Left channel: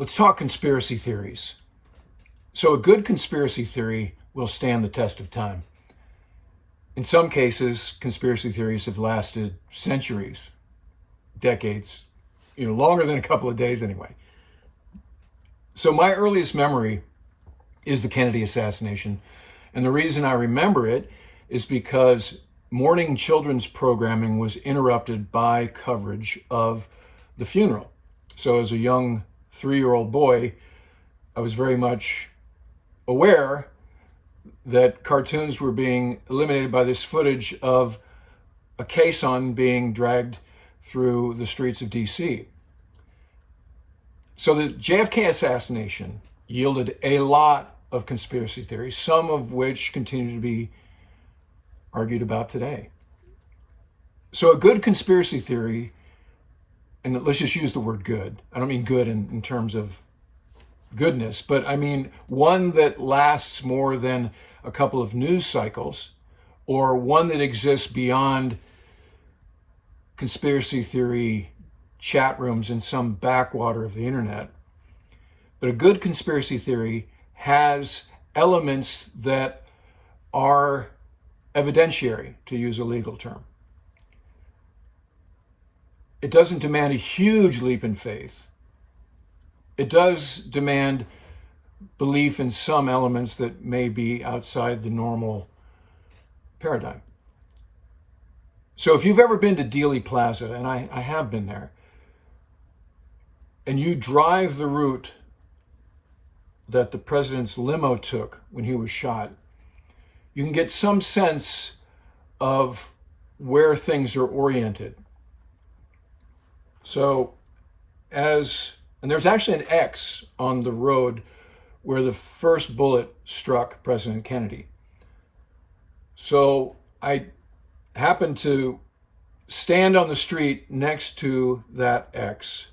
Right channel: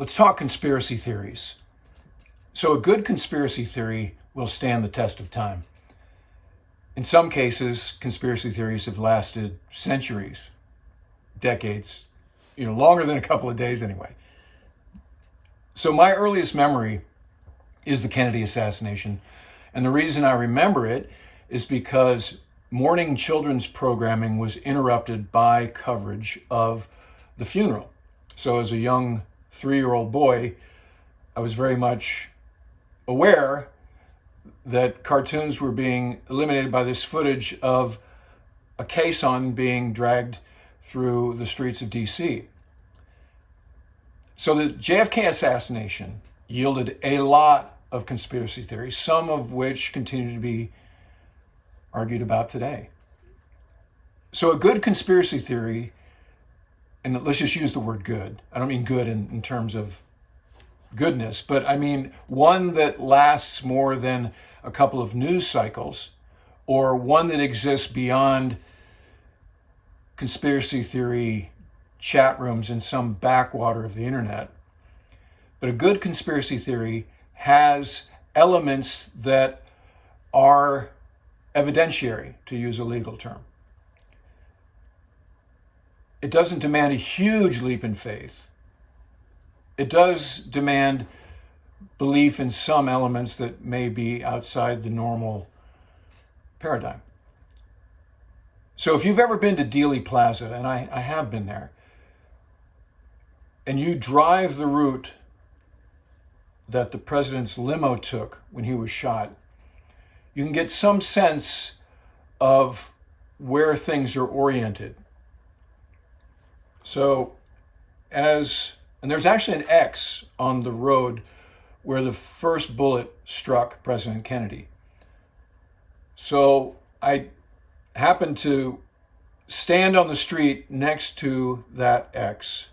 Let's talk conspiracy theories. So a good conspiracy theory will stand the test of time. In some cases, conspiracy theories have lasted centuries, decades, longer than a couple of days anyway. So my earliest memory is the Kennedy assassination. And the reason I remember it is because morning children's programming was interrupted by coverage of the funeral. So as a young 3-year-old boy, I was very much aware that cartoons were being eliminated by this footage of a caisson being dragged through the streets of DC. So the JFK assassination yielded a lot of conspiracy theories, some of which continue to be argued about today. So a good conspiracy theory, and let's just use the word good. I don't mean good in terms of goodness, but I mean one that lasts more than a couple of news cycles, or one that exists beyond conspiracy theory chat rooms in some backwater of the internet. But a good conspiracy theory has elements that are evidentiary, to use a legal term. It doesn't demand a huge leap in faith. It does demand belief in some elements that may be outside the normal paradigm. So if you've ever been to Dealey Plaza, and I have been there, and you drive the route that the president's limo took when he was shot, you can get some sense of where things are oriented. So and there's actually an X on the road where the first bullet struck President Kennedy. So I happened to stand on the street next to that X,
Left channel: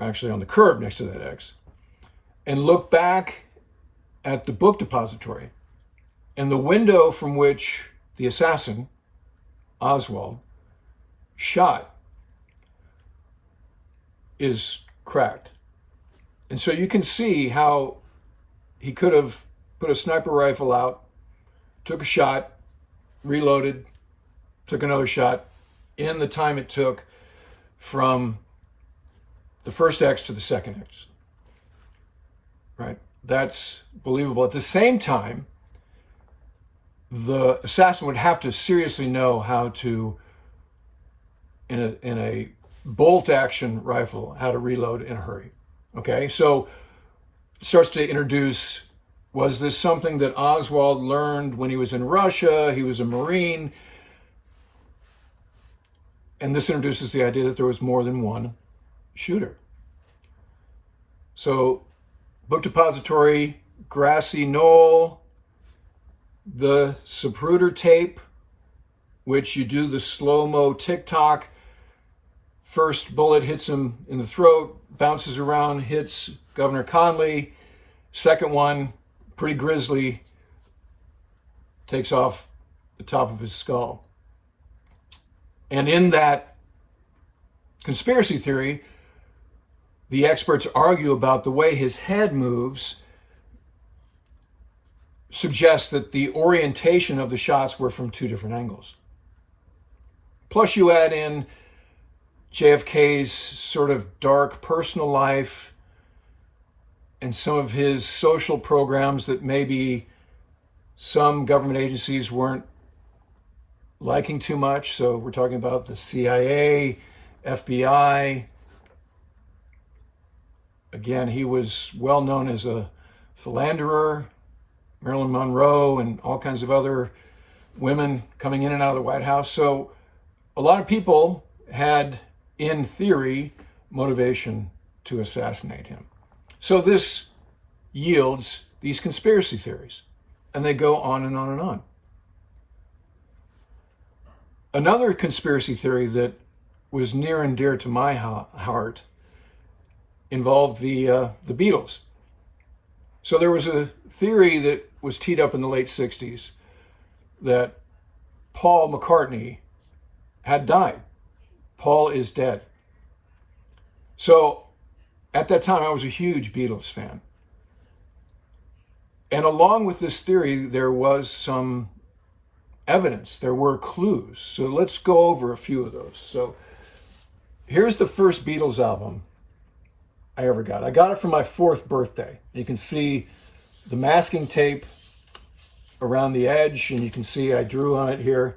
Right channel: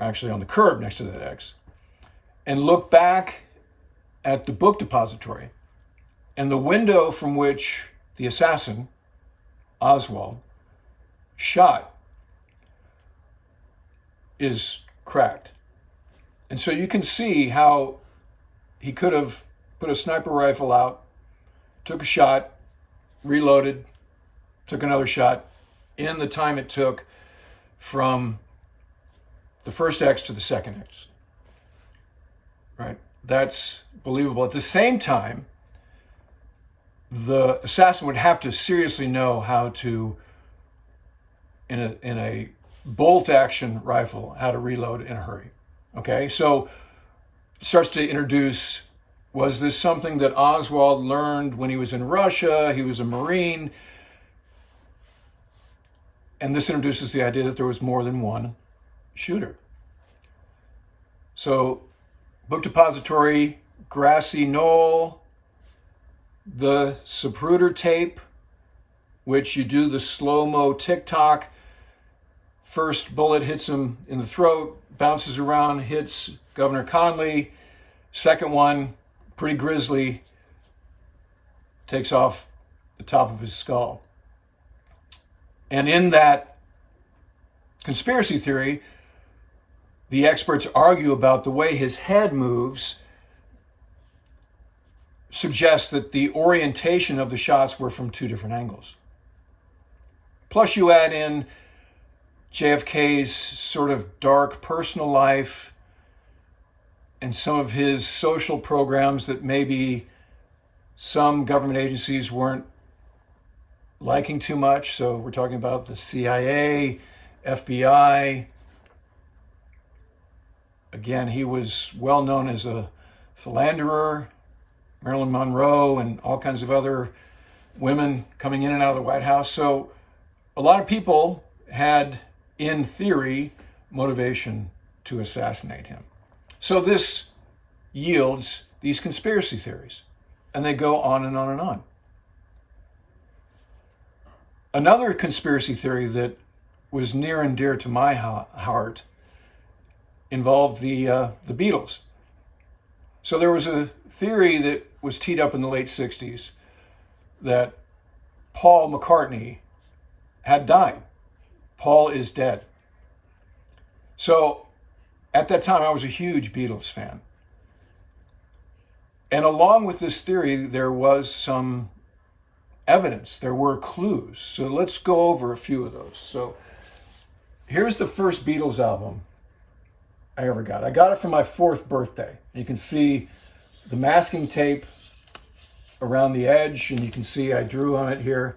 actually on the curb next to that X, and look back at the book depository. And the window from which the assassin, Oswald, shot is cracked. And so you can see how he could have put a sniper rifle out, took a shot, reloaded, took another shot in the time it took from the first X to the second X. Right? That's believable. At the same time, the assassin would have to seriously know how to, in a bolt action rifle, how to reload in a hurry. Okay, so it starts to introduce, was this something that Oswald learned when he was in Russia? He was a Marine. And this introduces the idea that there was more than one shooter. So book depository, grassy knoll, the Zapruder tape, which you do the slow-mo tick-tock. First bullet hits him in the throat, bounces around, hits Governor Conley. Second one, pretty grisly, takes off the top of his skull. And in that conspiracy theory, the experts argue about the way his head moves suggests that the orientation of the shots were from two different angles. Plus you add in JFK's sort of dark personal life and some of his social programs that maybe some government agencies weren't liking too much. So we're talking about the CIA, FBI. Again, he was well known as a philanderer, Marilyn Monroe and all kinds of other women coming in and out of the White House. So a lot of people had, in theory, motivation to assassinate him. So this yields these conspiracy theories, and they go on and on and on. Another conspiracy theory that was near and dear to my heart involved the Beatles. So there was a theory that was teed up in the late 60s that Paul McCartney had died. Paul is dead. So at that time, I was a huge Beatles fan. And along with this theory, there was some evidence. There were clues. So let's go over a few of those. So here's the first Beatles album I ever got. I got it for my 4th birthday. You can see the masking tape around the edge, and you can see I drew on it here.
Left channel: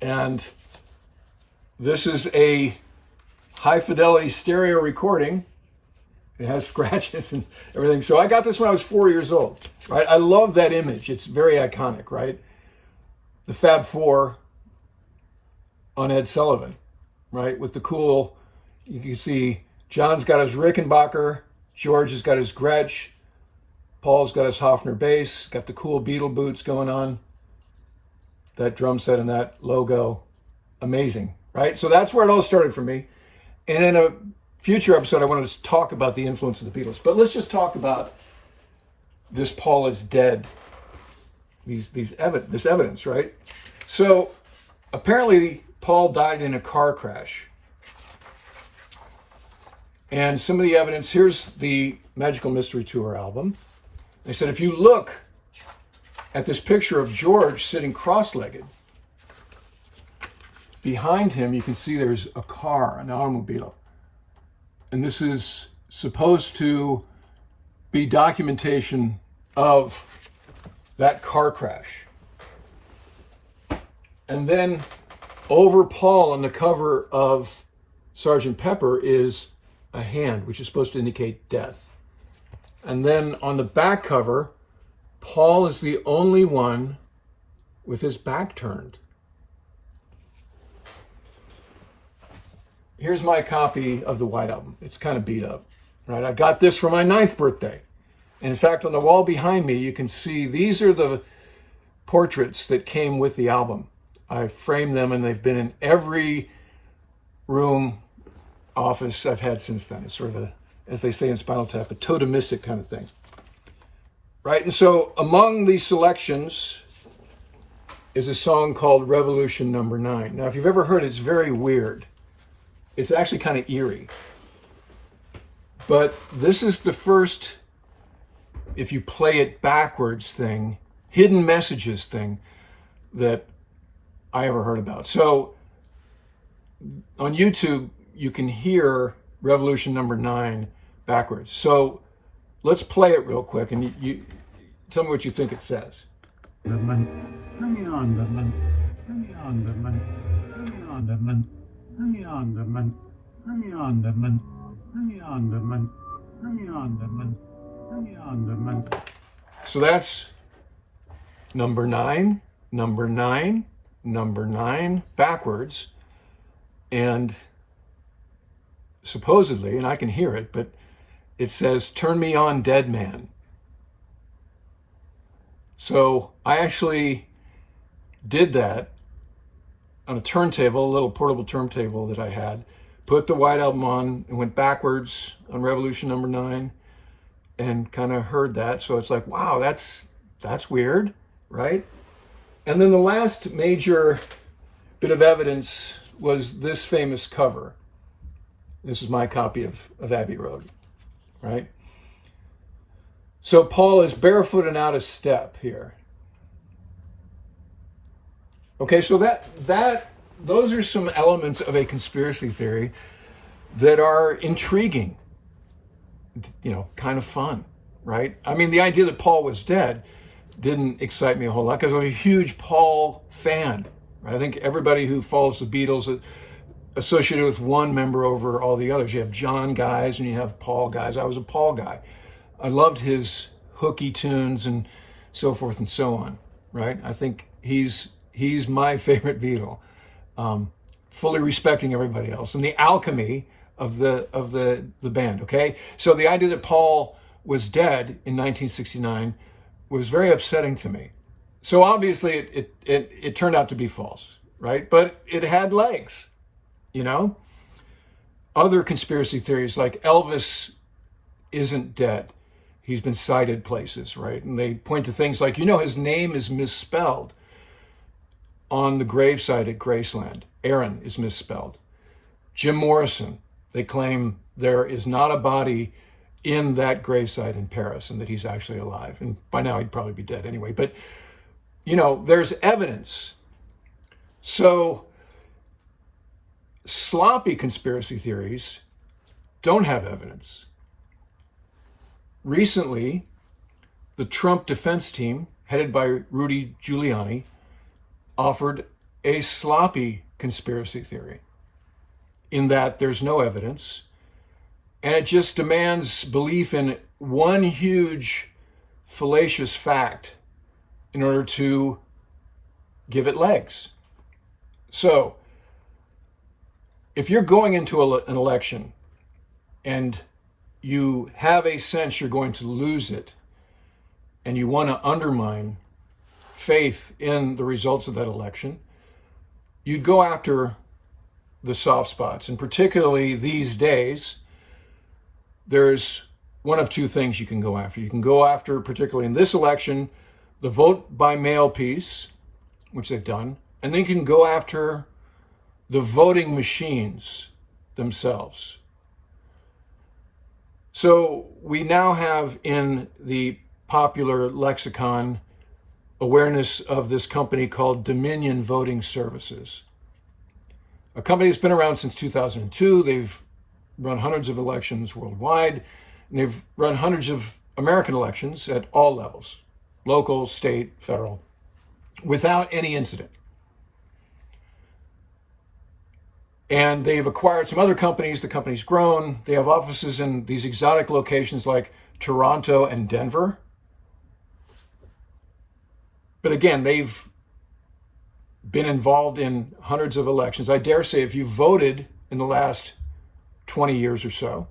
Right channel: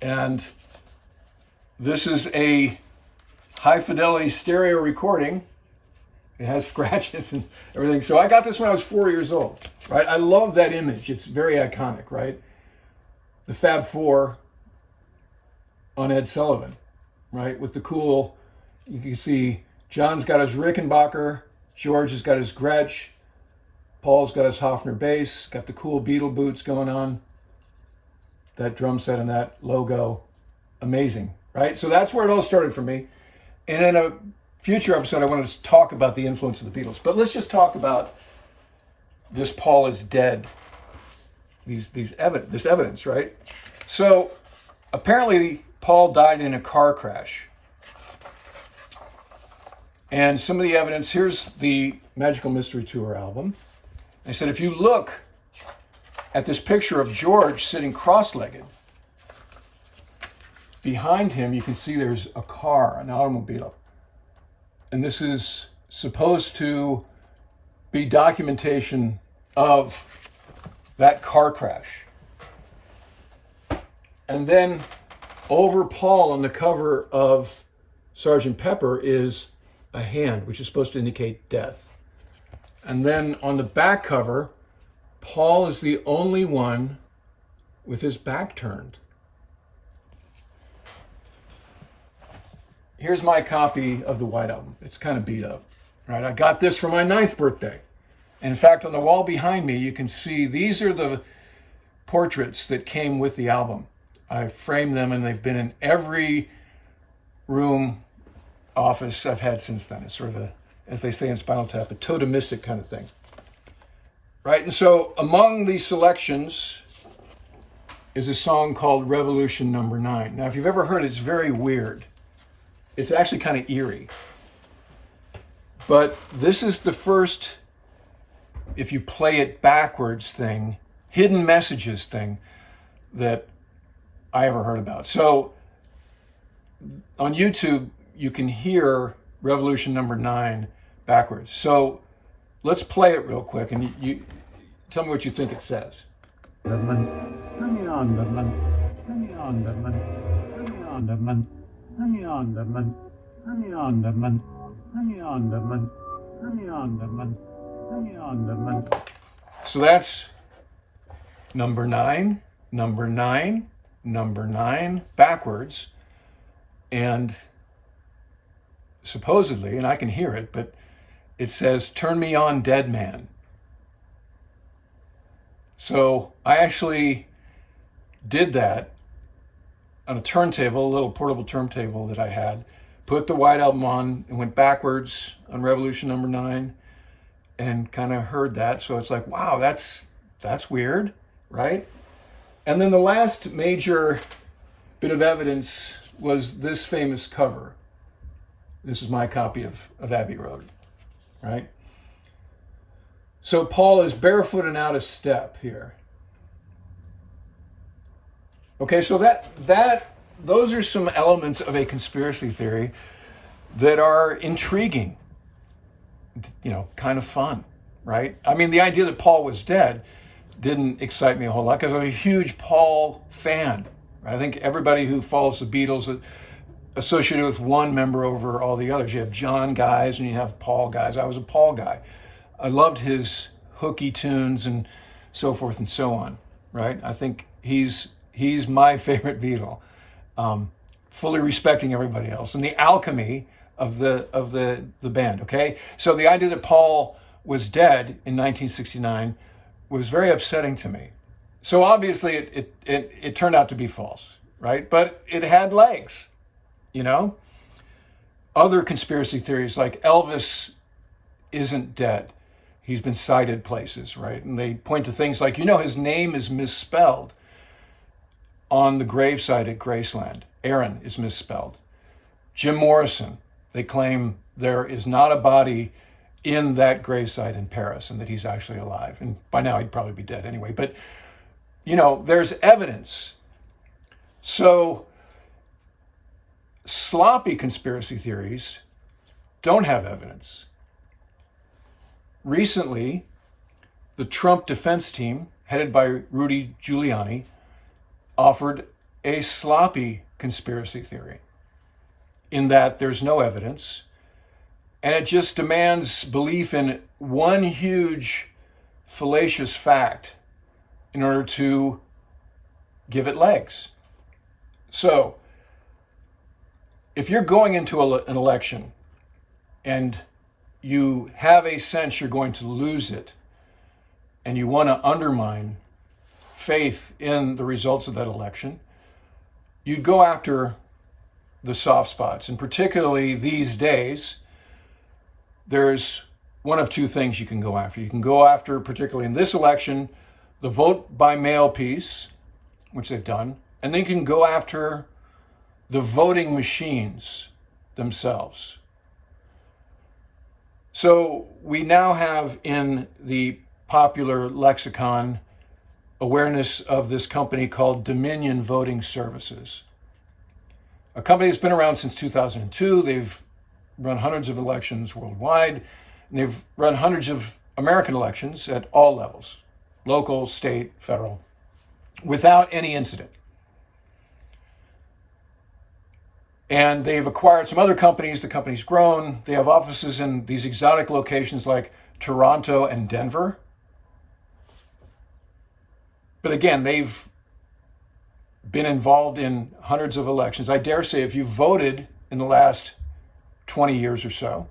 And this is a high fidelity stereo recording. It has scratches and everything. So I got this when I was 4 years old, right? I love that image. It's very iconic, right? The Fab Four on Ed Sullivan, right? With the cool, you can see John's got his Rickenbacker, George has got his Gretsch, Paul's got his Hofner bass, got the cool Beatle boots going on, that drum set and that logo. Amazing, right? So that's where it all started for me. And in a future episode, I wanted to talk about the influence of the Beatles. But let's just talk about this Paul is dead, this evidence, right? So apparently Paul died in a car crash. And some of the evidence, here's the Magical Mystery Tour album. They said if you look at this picture of George sitting cross-legged, behind him you can see there's a car, an automobile. And this is supposed to be documentation of that car crash. And then over Paul on the cover of Sgt. Pepper is a hand, which is supposed to indicate death. And then on the back cover, Paul is the only one with his back turned. Here's my copy of the White Album. It's kind of beat up, right? I got this for my 9th birthday. And in fact, on the wall behind me, you can see these are the portraits that came with the album. I framed them and they've been in every room, office I've had since then. It's sort of as they say in Spinal Tap, a totemistic kind of thing, right? And so among these selections is a song called Revolution Number 9. Now, if you've ever heard it, it's very weird. It's actually kind of eerie. But this is the first, if you play it backwards thing, hidden messages thing that I ever heard about. So on YouTube, you can hear Revolution Number 9 backwards. So let's play it real quick and you tell me what you think it says. So that's number 9, number 9, number 9 backwards. And supposedly, and I can hear it, but it says, "Turn me on, dead man." So I actually did that on a turntable, a little portable turntable that I had, put the White Album on and went backwards on Revolution Number 9 and kind of heard that. So it's like, wow, that's weird, right? And then the last major bit of evidence was this famous cover. This is my copy of Abbey Road, right? So Paul is barefoot and out of step here. Okay, so those are some elements of a conspiracy theory that are intriguing, kind of fun, right? I mean, the idea that Paul was dead didn't excite me a whole lot because I'm a huge Paul fan. I think everybody who follows the Beatles associated with one member over all the others. You have John guys and you have Paul guys. I was a Paul guy. I loved his hooky tunes and so forth and so on, right? I think he's my favorite Beatle, fully respecting everybody else and the alchemy of the band. Okay, so the idea that Paul was dead in 1969 was very upsetting to me. So obviously it turned out to be false, right? But it had legs, Other conspiracy theories like Elvis isn't dead. He's been cited places, right? And they point to things like, his name is misspelled on the gravesite at Graceland. Aaron is misspelled. Jim Morrison, they claim there is not a body in that gravesite in Paris and that he's actually alive. And by now he'd probably be dead anyway. But, there's evidence. So sloppy conspiracy theories don't have evidence. Recently, the Trump defense team, headed by Rudy Giuliani, offered a sloppy conspiracy theory in that there's no evidence, and it just demands belief in one huge fallacious fact in order to give it legs. So, if you're going into an election and you have a sense you're going to lose it, and you want to undermine faith in the results of that election, you'd go after the soft spots. And particularly these days, there's one of two things you can go after. You can go after, particularly in this election, the vote by mail piece, which they've done, and then you can go after the voting machines themselves. So we now have in the popular lexicon awareness of this company called Dominion Voting Services, a company that's been around since 2002. They've run hundreds of elections worldwide, and they've run hundreds of American elections at all levels, local, state, federal, without any incident. And they've acquired some other companies. The company's grown. They have offices in these exotic locations like Toronto and Denver. But again, they've been involved in hundreds of elections. I dare say if you voted in the last 20 years or so,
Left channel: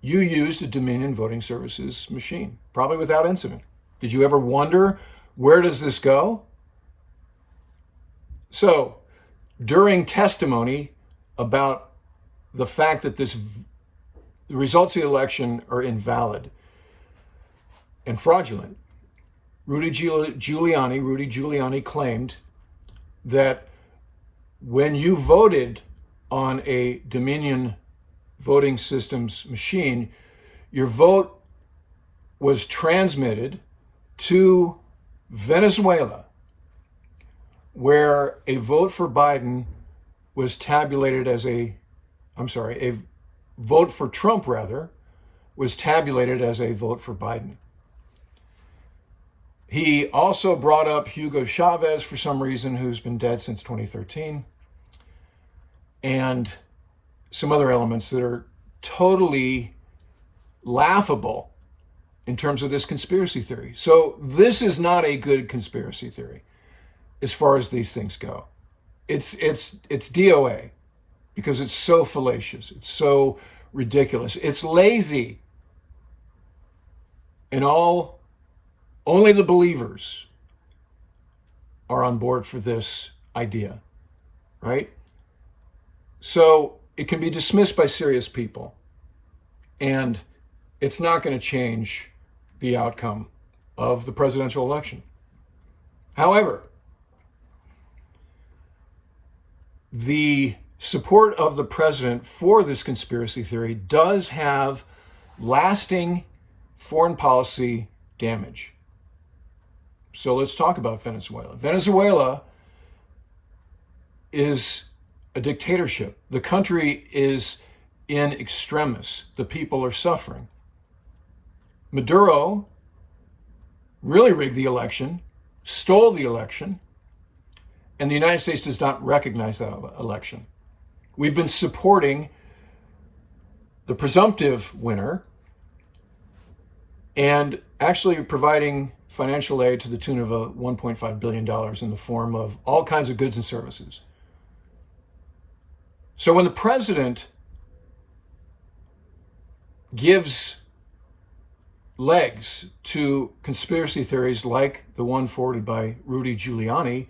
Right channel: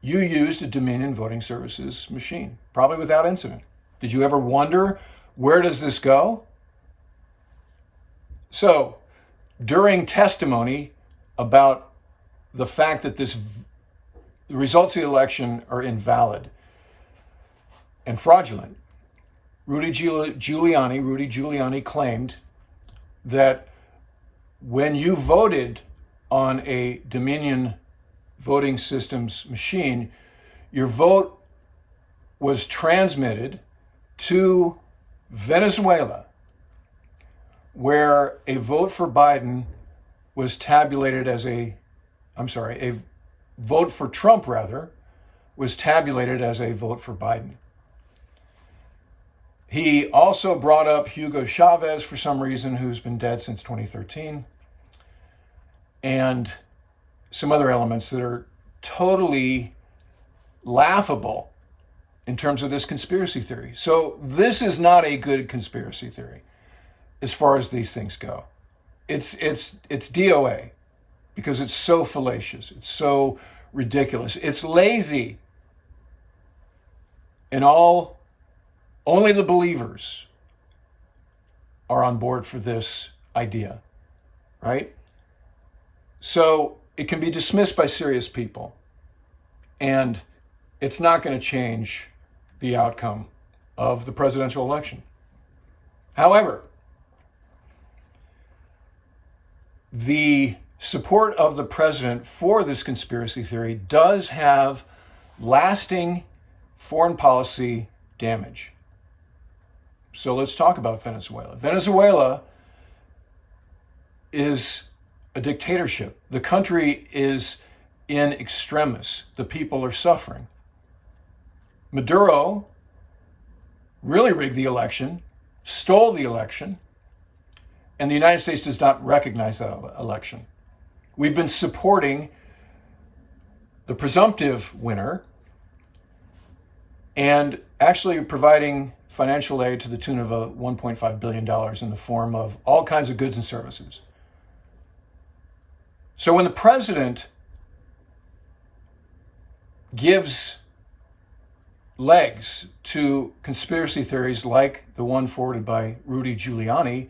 you used a Dominion Voting Services machine, probably without incident. Did you ever wonder, where does this go? So, during testimony about the fact that the results of the election are invalid and fraudulent, Rudy Giuliani claimed that when you voted on a Dominion voting systems machine, your vote was transmitted to Venezuela, where a vote for Biden was tabulated as a vote for Trump, was tabulated as a vote for Biden. He also brought up Hugo Chavez for some reason, who's been dead since 2013, and some other elements that are totally laughable in terms of this conspiracy theory. So this is not a good conspiracy theory as far as these things go. It's DOA because it's so fallacious. It's so ridiculous. It's lazy. And only the believers are on board for this idea, right? So it can be dismissed by serious people, and it's not going to change the outcome of the presidential election. However, the support of the president for this conspiracy theory does have lasting foreign policy damage. So let's talk about Venezuela. Venezuela is a dictatorship. The country is in extremis. The people are suffering. Maduro really rigged the election, stole the election, and the United States does not recognize that election. We've been supporting the presumptive winner and actually providing financial aid to the tune of $1.5 billion in the form of all kinds of goods and services. So when the president gives legs to conspiracy theories like the one forwarded by Rudy Giuliani,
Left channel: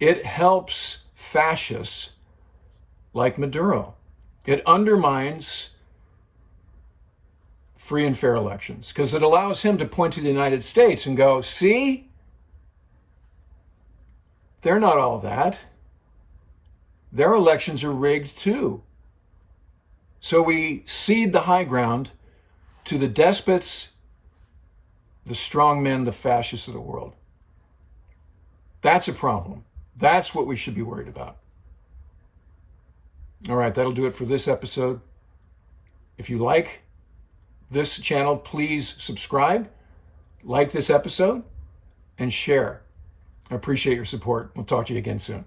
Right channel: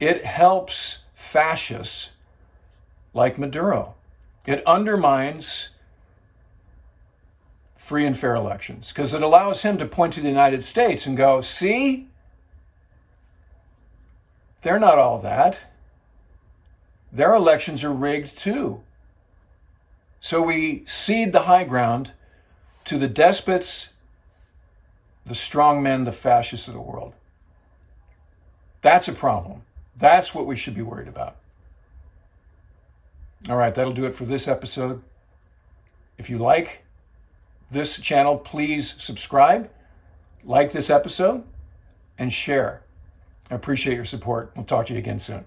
it helps fascists like Maduro. It undermines free and fair elections because it allows him to point to the United States and go, see, they're not all that. Their elections are rigged too. So we cede the high ground to the despots, the strongmen, the fascists of the world. That's a problem. That's what we should be worried about. All right, that'll do it for this episode. If you like this channel, please subscribe, like this episode, and share. I appreciate your support. We'll talk to you again soon.